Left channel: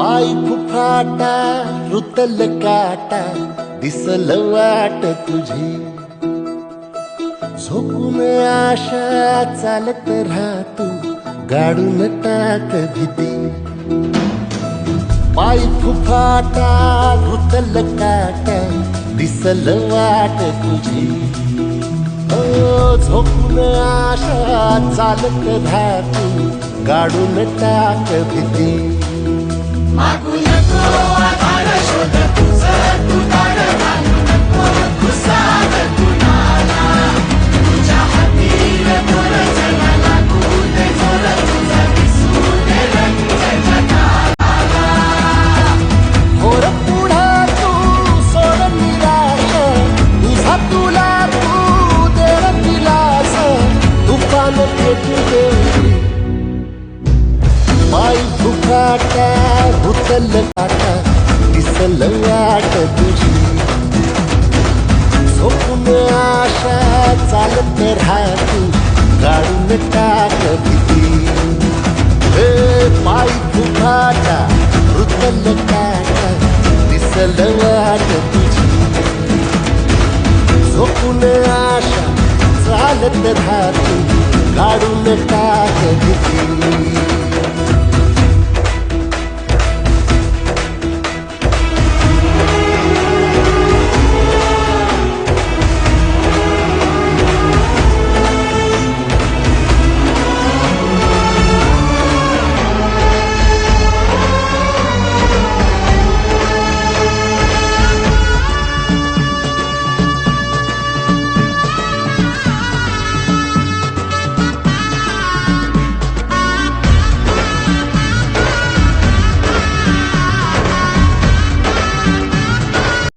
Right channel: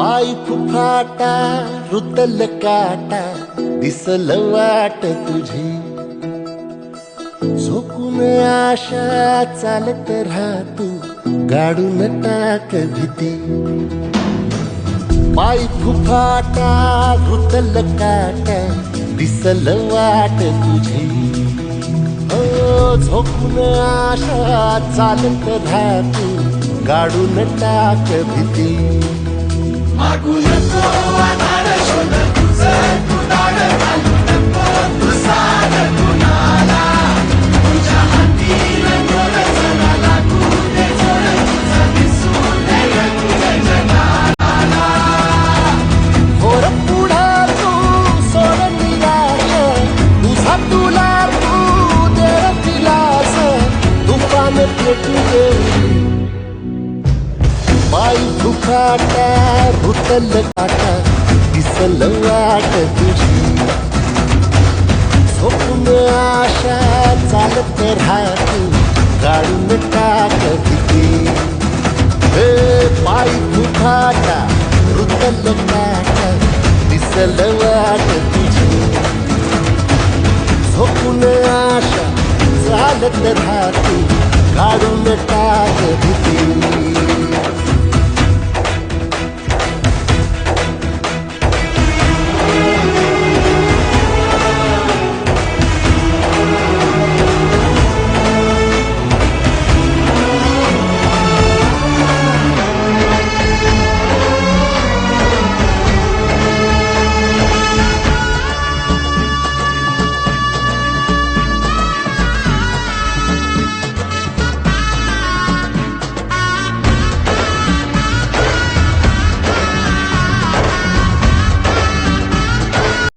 पाय फुफाटा रुतल काटा दिसल वाट तुझी झोपून आशा चालत राहतू गाडून टाक भीती पाय फुफाटा रुतल काटा दिसल वाट तुझी हो झोपून आशा चालत राहतू गाडून टाक भीती मागू नको आधार शोध तुझं तू दाड घालू नको तू सांग कुणाला तुझ्या हातीन दोर जरा लागू दे जोर तुझा दिसू दे रंग जगाला होर पुढा तू सोड निराश तुझा तुला तू दे दिलास तुफान पेटू देवरी पाय फुफाटा रुतल काटा दिसल वाट तुझी झोपून आशा चालत राहतू गाडून टाक भीती हे पाय फुफाटा रुतल काटा दिसल वाट तुझी झोपून आशा चालत राहतू गाडून टाक भीती